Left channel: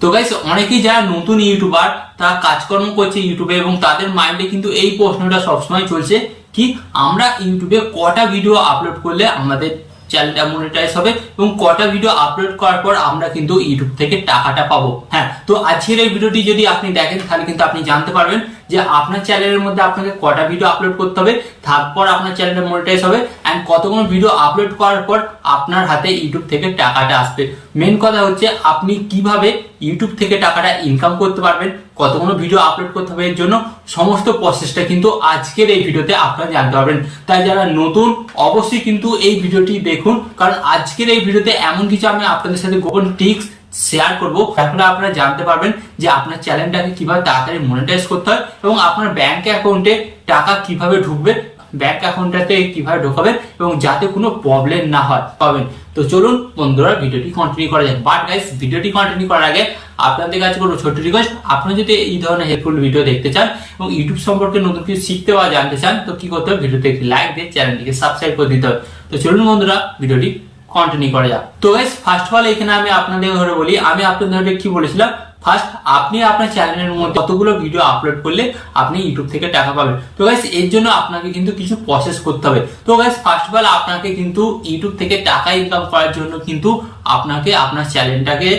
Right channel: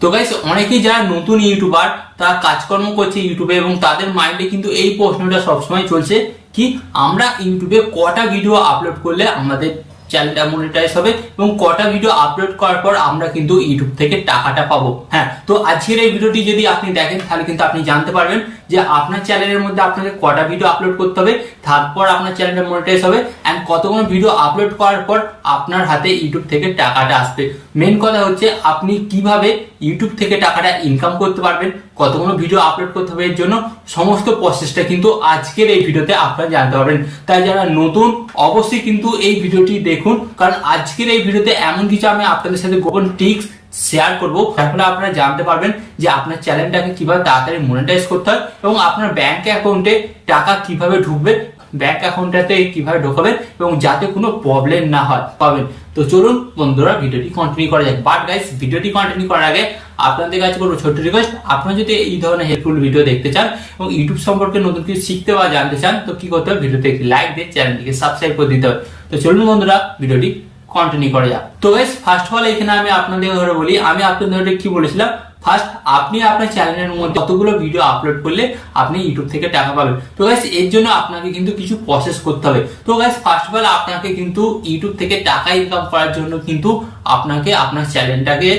তো গাইস অনেকেই যারা নতুন ইউটিউবার তারা কাজকর্ম করছে ইউটিউবে এবং তাদের মাইন্ডে কিন্তু এই প্রশ্নটা সবসময় চলছে কি আমরা ইউটিউবে কটা ভিডিও আপলোড করলে আমাদের চ্যানেলটা মনিটাইজ হবে এবং কটা ভিডিও আপলোড করার পর আমরা কিন্তু ইউটিউব থেকে টাকাটা পাবো। হ্যাঁ, তো আজকের এই ভিডিওটি যদি আপনি দেখেন তাহলে কিন্তু আপনি জানতে পারবেন যে আপনার চ্যানেলের মধ্যে আপনাকে কটা ভিডিও আপলোড করতে হবে, তারপর আপনার চ্যানেলটা মনিটাইজ হবে এন্ড কতগুলো ভিডিও আপলোড করার পর আপনার হাতে ইউটিউব থেকে টাকাটা আসবে। মেন কথা হচ্ছে আপনি কিভাবে ইউটিউব থেকে টাকাটা ইনকাম করতে পারবেন, কতগুলো ভিডিও আপলোড করতে হবে, এর জন্য সমস্ত প্রসেসটা কিন্তু আজকের এই ভিডিওতে আপনারা জানতে পারবেন। তাই যারা নতুন অবশ্যই কিন্তু এই ভিডিওটি দেখুন, কারণ আজকের এই ভিডিওতে এমন কিছু আমি আপনাদের সাথে গোপন টিপস শেয়ার করবো যার ফলে আপনারা জানতে পারবেন যে আপনার চ্যানেলটাকে কিভাবে তাড়াতাড়ি মনিটাইজ করতে হয় এবং আপনার ব্যাংক অ্যাকাউন্টে টাকা কিভাবে ঢুকবে, ব্যাংক অ্যাকাউন্টটাতে কিভাবে ঢোকাবেন এবং যাতে কোনো প্রবলেম না হয় পাবেন। তো চলুন বন্ধুরা ভিডিওটি কন্টিনিউ করা যাক। বাট গাইস ভিডিওটি কন্টিনিউ করার আগে আপনাদের কাছে করবো ছোট্ট রিকোয়েস্ট, আপনারা যদি এই ধরনের হেল্পফুল ভিডিও দেখতে চান এবং ইউটিউব সম্পর্কে নতুন কিছু শিখতে বা জানতে চান তো কি করতে হবে, ভিডিওতে একটি লাইক দিয়ে চ্যানেলটিকে সাবস্ক্রাইব করে দিতে হবে। তো চলুন বন্ধুরা ভিডিওটি কন্টিনিউ করা যাক। তো গাইস ফার্স্ট অফ অল এখানে আমি আপনাদের ধরে বলি, আমি আপনাদের ধরে কি বলেছিলাম, ফার্স্ট আপনি আপনার চ্যানেলের মধ্যে কতগুলো ভিডিও আপলোড করলে আপনি ইউটিউব থেকে টাকা পাবেন। তো গাইস এর জন্য আপনাকে কিন্তু কিছু প্রসেস করতে হবে। তো গাইস ফার্স্ট অফ অল আপনাকে কিন্তু ইউটিউব থেকে টাকা ইনকাম করার জন্য কিন্তু আপনাকে আপনার চ্যানেলটাকে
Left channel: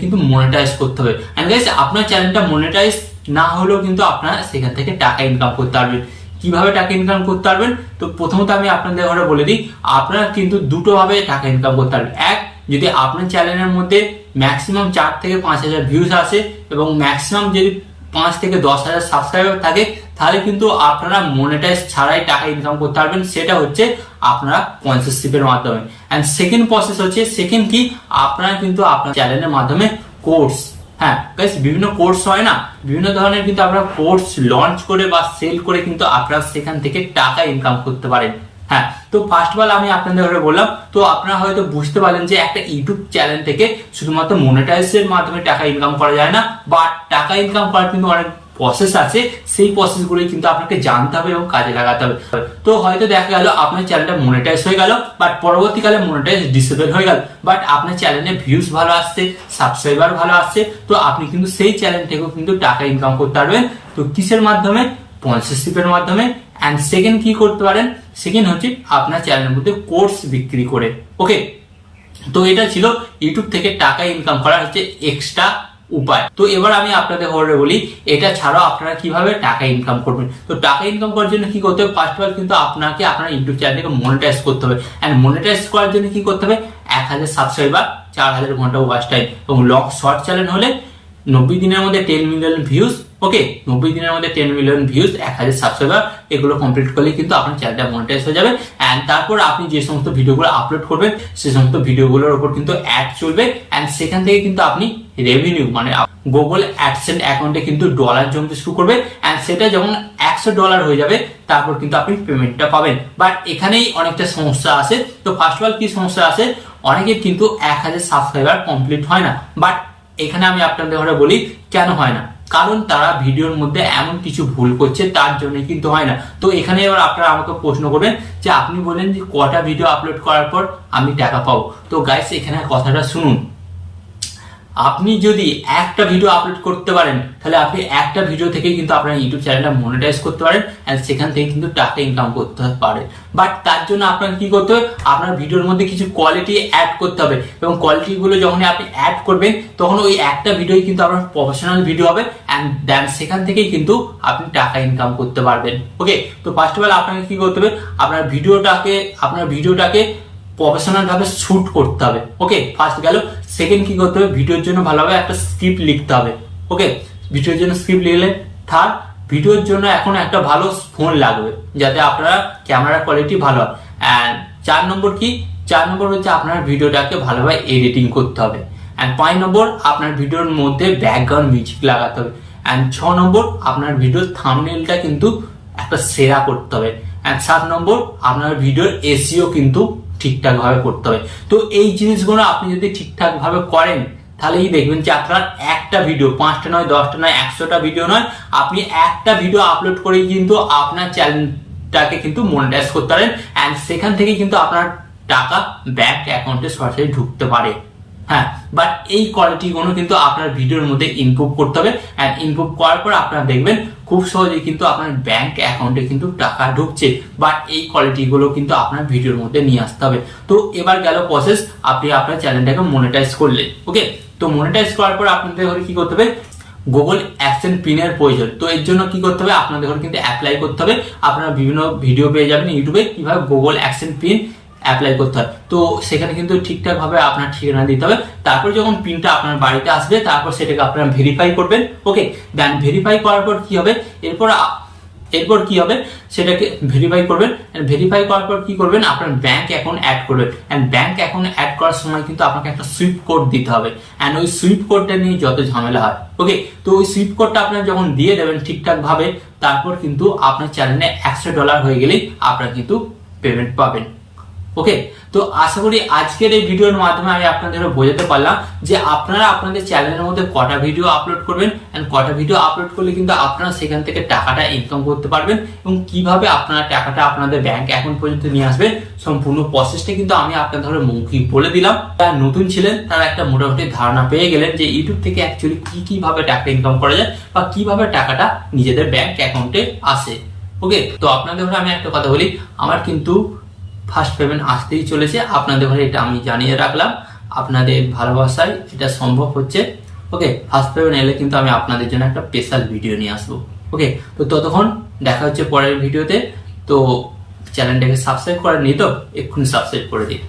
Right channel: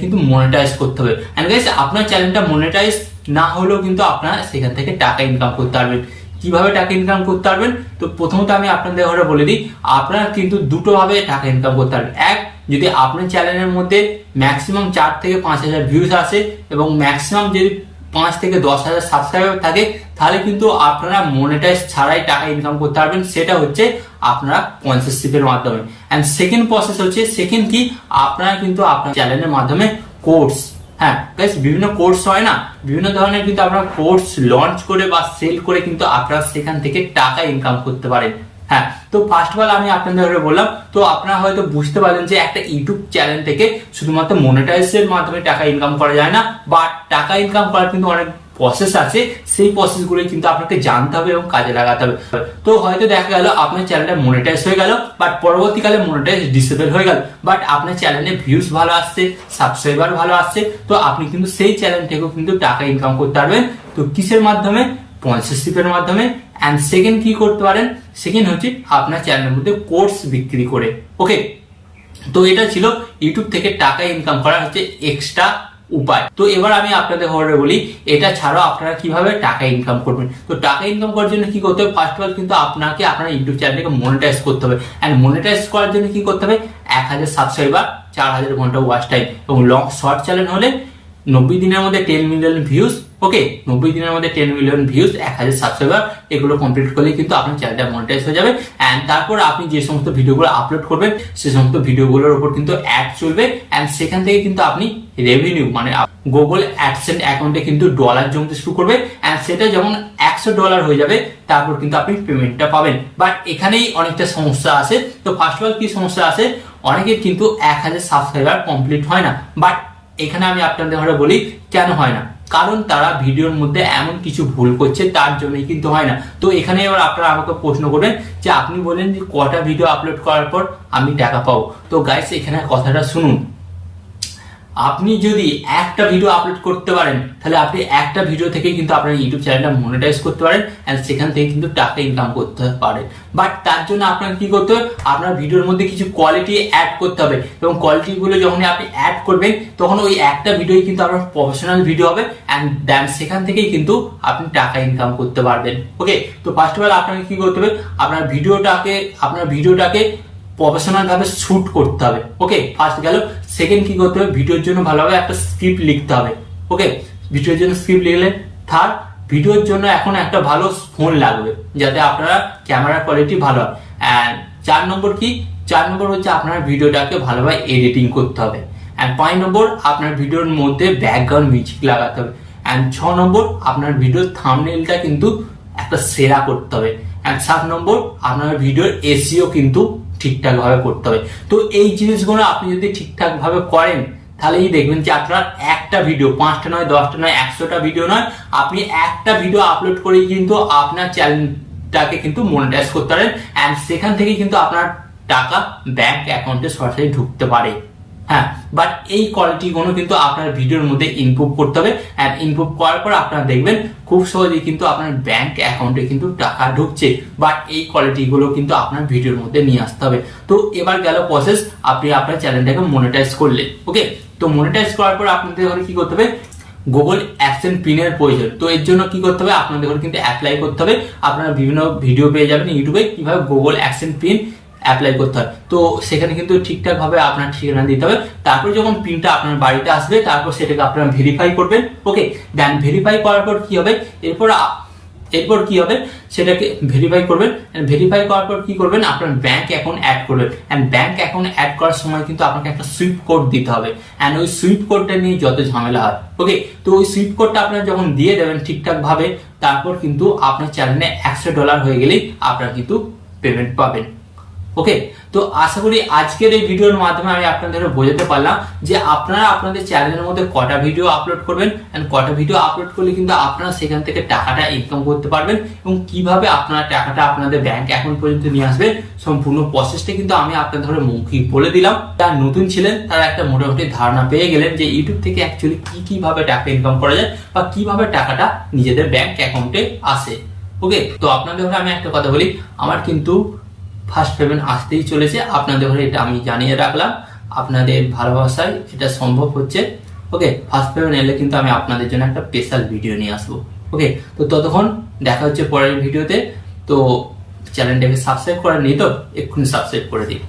কিন্তু মনিটাইজ করতে হবে। এন্ড গাইস আপনার চ্যানেলটা মনিটাইজ না হলেও কিন্তু আপনারা সেখান থেকে টাকা ইনকাম করতে পারবেন। কিভাবে টাকা ইনকাম করতে পারবেন, তো প্রথমত আমি আপনাদের ঘরে বলে দিই, আপনারা কিন্তু দুটো ভাবে টাকা ইনকাম করতে পারবেন। এক, যদি আপনার চ্যানেলের মধ্যে ম্যাক্সিমাম 4 থেকে 5,000 ভিউজ আসে এবং ম্যাক্সিমাম যদি 5 থেকে 10,000 সাবস্ক্রাইবার থাকে তাহলে কিন্তু আপনারা মনিটাইজ ছাড়াই টাকা ইনকাম করতে পারবেন। সেটা হচ্ছে আপনারা স্পন্সরশিপের মাধ্যমে। এন্ড সেকেন্ড প্রসেস হচ্ছে, সেকেন্ড কি, আপনারা কিন্তু আপনার চ্যানেলের মাধ্যমে কোর্স, হ্যাঁ গাইস বিভিন্ন কোর্স হয় না, বিভিন্ন ধরনের কিন্তু আপনারা কোর্স লঞ্চ করে বা সেল করে কিন্তু আপনারা সেখান থেকে টাকা ইনকাম করতে পারেন। হ্যাঁ, তো ফার্স্ট অফ অল আমি আপনাদের বললাম, তো আপনারা হয়তো বুঝতে পারলেন যে একটা ইউটিউব চ্যানেল থেকে শুধুমাত্র মনিটাইজের মাধ্যমে টাকা ইনকাম করা যায় না, বা টাকা ইনকাম করার কিন্তু অনেক প্রসেস আছে, সেই প্রসেসগুলো কিন্তু আপনাকে জানতে হবে এবং কাজে লাগাতে হবে। তো হয়তো দেখা গেল আপনার চ্যানেলটা মনিটাইজ হয়ে গেল, বাট পরবর্তীকালে মনিটাইজ ডিসেবল হয়ে গেল, বাট আপনার চ্যানেলে ভিউজ ভালো আসছে, সাবস্ক্রাইবার ভালো আসছে, তো আপনি কিন্তু সেই চ্যানেল থেকেও কিন্তু টাকা ইনকাম করতে পারবেন। তো কিসের মাধ্যমে? স্পন্সরশিপের মাধ্যমে। এন্ড সেকেন্ড কি করতে পারেন, সেকেন্ড হচ্ছে আপনার চ্যানেলের মধ্যে কোর্স বিক্রি করে। ওকে, তো এটা ছিল ইউটিউব থেকে টাকা ইনকাম করা হচ্ছে এক্সট্রা উপায়। তো এবার আমি আপনাদের ঘরে বলি এটা ছাড়াও আপনারা কিভাবে টাকা ইনকাম করবেন। তো টাকা ইনকাম করার জন্য কি করতে হবে, ফার্স্ট অফ অল কিন্তু আপনাকে আপনার ইউটিউব চ্যানেলটাকে মনিটাইজ করতে হবে। এন্ড মনিটাইজ করার জন্য কি করতে হবে, 1000 সাবস্ক্রাইবার, 4000 ঘন্টা ওয়াচ টাইম এবং লং শর্ট চ্যানেল হলে 90 দিনের মধ্যে 10 মিলিয়ন ভিউজ। ওকে, 90 দিনের মধ্যে 10 মিলিয়ন ভিউজ, 1000 সাবস্ক্রাইবার, এগুলো কমপ্লিট করলে কিন্তু আপনার চ্যানেলটা মনিটাইজ হয়ে যাবে। এন্ড তারপর আপনি যে সমস্ত ভিডিওগুলো আপলোড করবেন সে সমস্ত ভিডিওগুলোর উপর কিন্তু অ্যাড চলবে এন্ড সেখান থেকে কিন্তু আপনি রেভিনিউ মানে গুগল অ্যাডসেন্স অ্যাকাউন্টে কিন্তু ডলার জমতে শুরু করবে। এন্ড সেটা যখন $100 হয়ে যাবে তারপর কিন্তু আপনি পেমেন্টটা পাবেন। বাট এখানেই অনেকটা সমস্যা আছে। তো ফার্স্ট অফ অল কি সমস্যা আছে, অনেকের কিন্তু 1000 সাবস্ক্রাইবার কমপ্লিট হয় না। বাট এখানে আমি আপনাদের ঘরে বলি কেন হয় না, কারণ তারা ভিডিওর মধ্যে এমন কিছু ভুল করছে তার জন্যই কিন্তু হয় না। তো এখানে এবার আপনারা আমাকে প্রশ্ন করবেন যে আপনি বলেন যে কটা ভিডিও আপলোড করার পর আমি টাকা পাবো। তো গাইস এখানে কথাটা শুনুন, আপনি যদি একটা ভিডিও আপলোড করতে পারেন তাহলে আপনি একটা ভিডিও থেকে কিন্তু আপনার ইউটিউব চ্যানেলটা মনিটাইজ করতে পারেন এন্ড সেখান থেকে কিন্তু টাকা ইনকাম করতে পারেন। বাট তার জন্য আপনাকে কি করতে হবে, আপনার ভিডিওর মধ্যে কিছু কোয়ালিটি অ্যাড করতে হবে এবং কোয়ালিটিগুলো যখন আপনি অ্যাড করবেন তখন ওই একটা ভিডিওই কিন্তু আপনার প্রফেশনাল ভিডিও হবে এন্ড দেন সেখান থেকেই কিন্তু আপনি টাকা ইনকাম করতে পারবেন। ওকে, তো ফার্স্ট অফ অল আপনাকে কি করতে হবে, আপনার ভিডিওটাকে প্রফেশনাল ভাবে শুট করতে হবে। ওকে, ফার্স্ট গেল। সেকেন্ড কি করতে হবে, ভিডিওর জন্য ভালোভাবে একটা স্ক্রিপ্ট লিখতে হবে। ওকে, ভিডিওর জন্য স্ক্রিপ্ট লিখলে। থার্ড, ভিডিওর জন্য এখন একটা ভালো ফোন লাগবে যাতে আপনারা ক্যামেরা কোয়ালিটি ভালো হয়। অ্যান্ড 4 নম্বর কি, 4 নম্বর হচ্ছে আপনার ভিডিওটাকে ভালোভাবে এডিটিং করতে হবে। অ্যান্ড 5 নম্বর আপনার ভিডিওর মধ্যে ব্যাকগ্রাউন্ড মিউজিক লাগাতে হবে। অ্যান্ড 6 নম্বর আপনার ভিডিওর থাম্বনেলটা কিন্তু একটা সেরা করতে হবে। অ্যান্ড 7 নম্বর আপনার ভিডিওর এসইও কিন্তু ঠিকঠাক ভাবে করতে হবে। তো এই জিনিসগুলো আপনি যদি ঠিকঠাক ভাবে করেন তাহলেই দেখবেন যে আপনার একটা ভিডিও 5টা নয়, 10টা নয়, 100টা ভিডিও নয়, আপনি একটা ভিডিও আপলোড করেই কিন্তু আপনার চ্যানেলটাকে কিন্তু মনিটাইজ করতে পারেন এন্ড সেখান থেকে কিন্তু আপনার টাকা ব্যাংক অ্যাকাউন্টে সরাসরি ঢুকতে পারে। হ্যাঁ, বাট এই কোয়ালিটিগুলো কিন্তু আপনার ভিডিওর মধ্যে ইনপুট করতে হবে। অ্যান্ড ইনপুট করার পর আপনারা দেখবেন খুব সহজেই কিন্তু আপনার ব্যাংক অ্যাকাউন্টে কিন্তু টাকা ঢুকছে, বাট এই কোয়ালিটিগুলো কিন্তু আপনার ভিডিওর মধ্যে নিয়ে আসতে হবে। তো এবার গেল প্রসেস, আপনি আপনার চ্যানেলটাকে মনিটাইজ করলে। ওকে, তো মনিটাইজ করার পর আপনাদের ঘরে কি করতে হবে, গুগল অ্যাডসেন্স পিনের প্রয়োজন। তো এর জন্য কি করতে হবে, আপনাদের ঘরে কিন্তু অ্যাপ্লাই করতে হবে। আপনারা বিভিন্ন ভিডিও পেয়ে যাবেন ইউটিউবে কিভাবে গুগল অ্যাডসেন্স পিন অ্যাপ্লাই করতে হয়। তো সেখানে কিন্তু ঠিকঠাক ভাবে আপনার ঠিকানা দিতে হবে। তারপর যখন পিনটা আপনার বাড়িতে আসবে, তারপর সেটাকে আপনারা ভেরিফাই করবেন। ওকে, দেন ভেরিফাই করার পর কি হবে, এরপর কি হবে সেটাকে ভেরিফাই করবেন। ভেরিফাই করার পর কি করবেন, আপনার ব্যাংক অ্যাকাউন্ট অ্যাড করবেন। এন্ড ব্যাংক অ্যাকাউন্ট অ্যাড করার সময় কিন্তু আপনাকে একটা সুইফট কোড দিতে হবে। এন্ড ওই সুইফট কোডটা নিয়ে যত ঝামেলা হয়। ওকে, তো ওই সুইফট কোডটা আপনারা যখন দিয়ে দেবেন ঠিকঠাক ভাবে, তারপর কিন্তু আপনার চ্যানেলে $100 হয়ে গেলেই আপনারা কিন্তু পেমেন্ট পাবেন। ওকে, তো আশা করি আজকের এই ভিডিওর মাধ্যমে আমি আপনাদের বোঝাতে পারলাম যে আপনারা আপনাদের চ্যানেলের মধ্যে কটা ভিডিও আপলোড করবেন, এন্ড কটা ভিডিও আপলোড করলে কিন্তু আপনারা সেখান থেকে টাকাটা ইনকাম করতে পারবেন, এবং কিভাবে আপনারা টাকাটা আপনাদের ব্যাংক অ্যাকাউন্ট পর্যন্ত নিয়ে আসবেন। সম্পূর্ণ প্রসেসটা কিন্তু আমি আপনাদের মৌখিক বলে দিলাম। যারা নতুন ছিলেন তারা একটা মোটামুটি ধারণা পেয়ে গেলেন যে ইউটিউব থেকে অ্যাকচুয়ালি কিভাবে টাকা ইনকাম করা যায়, বা কিভাবে টাকাটা নিজেদের ব্যাংক অ্যাকাউন্টে আসে। ওকে, তো আপনাদের আমি একটা কথা বলি, আমার কিন্তু ফার্স্ট পেমেন্ট আসতেই চলেছে আপনাদের ঘরে, এটা আমি জানিয়ে রাখলাম। আপনাদের ভালোবাসায় এটা সম্ভব হচ্ছে। ওকে, ফার্স্ট পেমেন্ট এলে কিন্তু আমি আপনাদের জন্য একটা স্পেশাল ভিডিও নিয়ে আসবো। ওকে, তো ততক্ষণ দেখা হচ্ছে পরের ভিডিওতে। তো চ্যানেলটাকে সাবস্ক্রাইব করেননি তো এক্ষুনি সাবস্ক্রাইব করে দিন।